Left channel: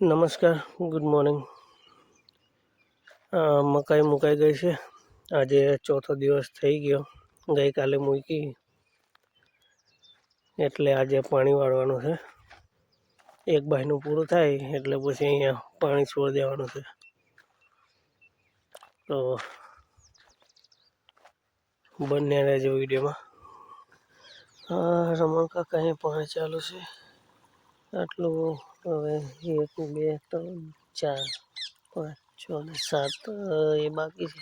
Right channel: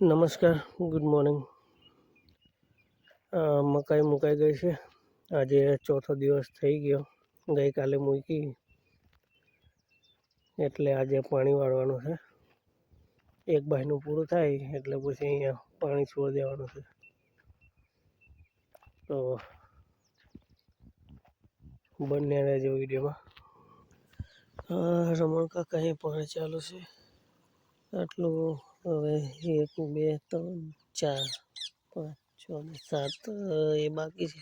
નમસ્કાર, good morning. મકાઈ મુકાઈ ગઈ છે. આજે ચોથો દિવસ થઈ ગયો. ગઈકાલે મૂકી એટલે આજે પાણી વાળવાનું છે. એક બાયનું પૂરું થાય એટલે પછી અહીંયા પાણી છોડી દેવાનું છે. તો બંને રહેજો વિડીયોમાં. રમણ કાકા અહીં પાણી ચાલુ છે. આટલું હવે 1 2 3 4 5 6 ને 7 એ બાકી છે.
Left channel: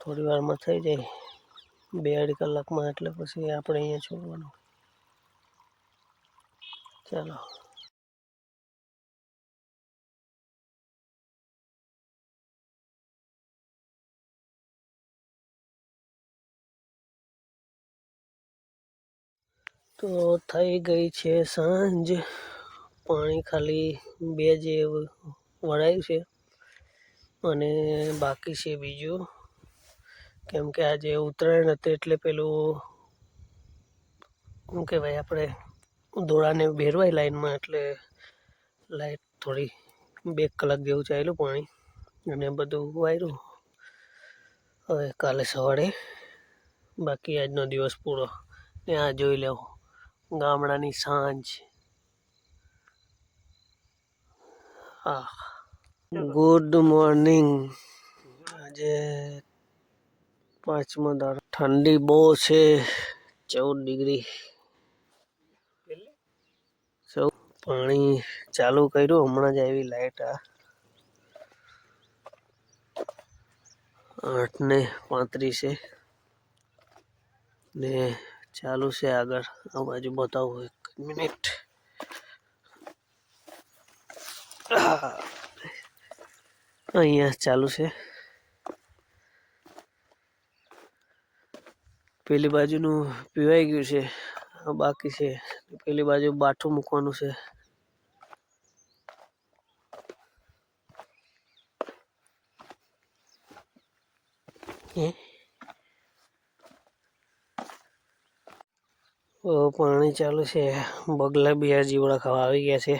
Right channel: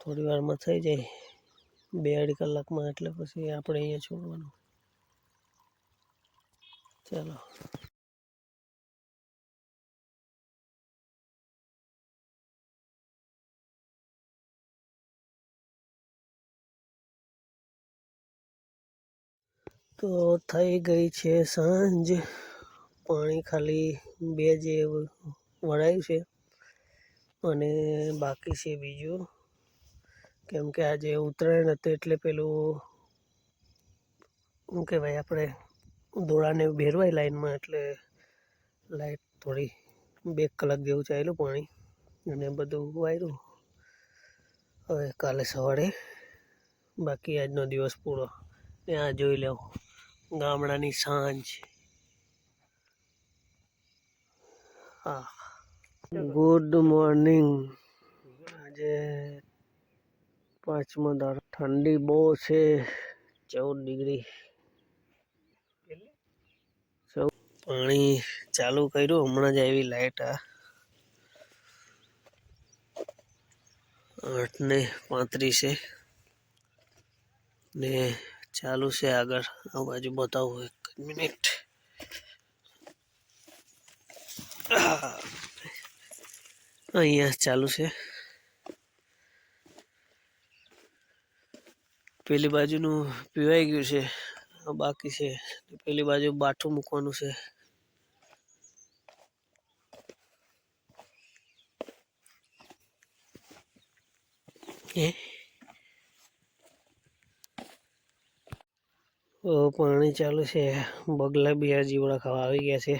થોડી વારમાં થઈ જાય, 2-2.5 કલાકમાં. એટલે પછી આપણે અહીંયા છોડવાનું. ચાલો. તો થઈ ગઈ છે સાંજ. પાણી ખાલી 2 જે વળાયું છે અને બાકી છે બીજું. કેમ કે આજે ઉત્તરાયણ હતી એટલે પેલું શું કહેવાય, આપણે દોડાને ભેરવાય લાઈનમાં, એટલે લાઈટ થોડી 2 કલાક જેવું ચાલ્યું પાણી અને બધું વાયરું. હવે કાલે સવારે બાકી આજનો દિવસ પૂરો. ત્યાં જોઈ લેવો ગામડાની સાંજ. Good morning. આજે 5મો દાડો. ઠંડી બહુ છે, 14 ડિગ્રી. પાણી ચાલુ કર્યું હમણાં જ આવી લાઈટ. 8:35 છે ને ચાલુ છે. આગળ આ બાજુ બતાવું 1 મિનિટ. અહીંયા ચાલુ છે. પેલી બાજુનું પીવાઈ ગયું છે, બાકી છે. પેલી બાજુ બાઠું મૂકવાનું છે. પાણી ચાલુ છે. બગલા બી આ જીવડા ખાવા આવી ગયા છે.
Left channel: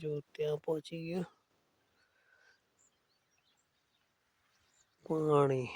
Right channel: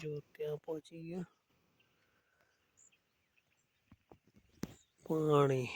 જો ત્યાં પહોંચી ગયો પાણી.